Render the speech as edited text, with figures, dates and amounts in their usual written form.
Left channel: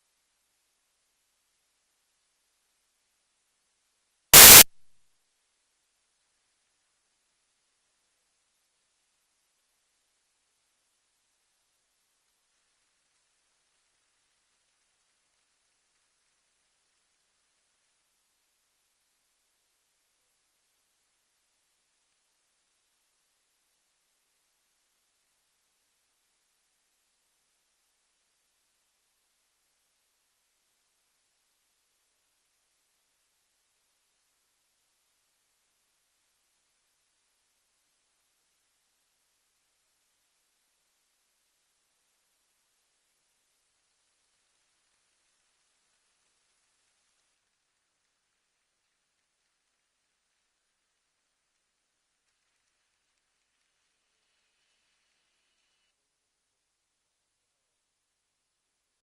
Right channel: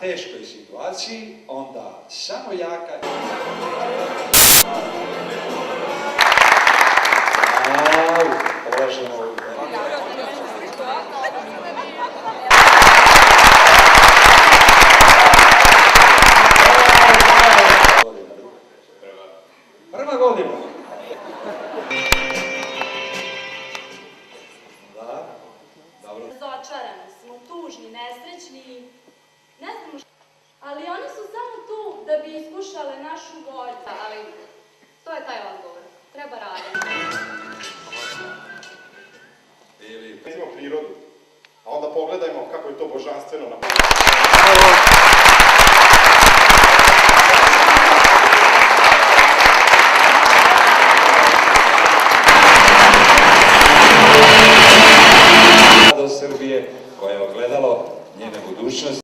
teškoj situaciji, onda samo jaka... Prva godina. Da, dobro. Razočarani smo, tužni, nesrećni, ne znamo što. Ali oni su samo tu da bi iskušale našu volju. Ali to je taj odgovor. Treba raditi. Recimo prirodu, a onda pogledajmo kako je to božanstveno na... Srbije, koje je ogledalo njene budućnosti.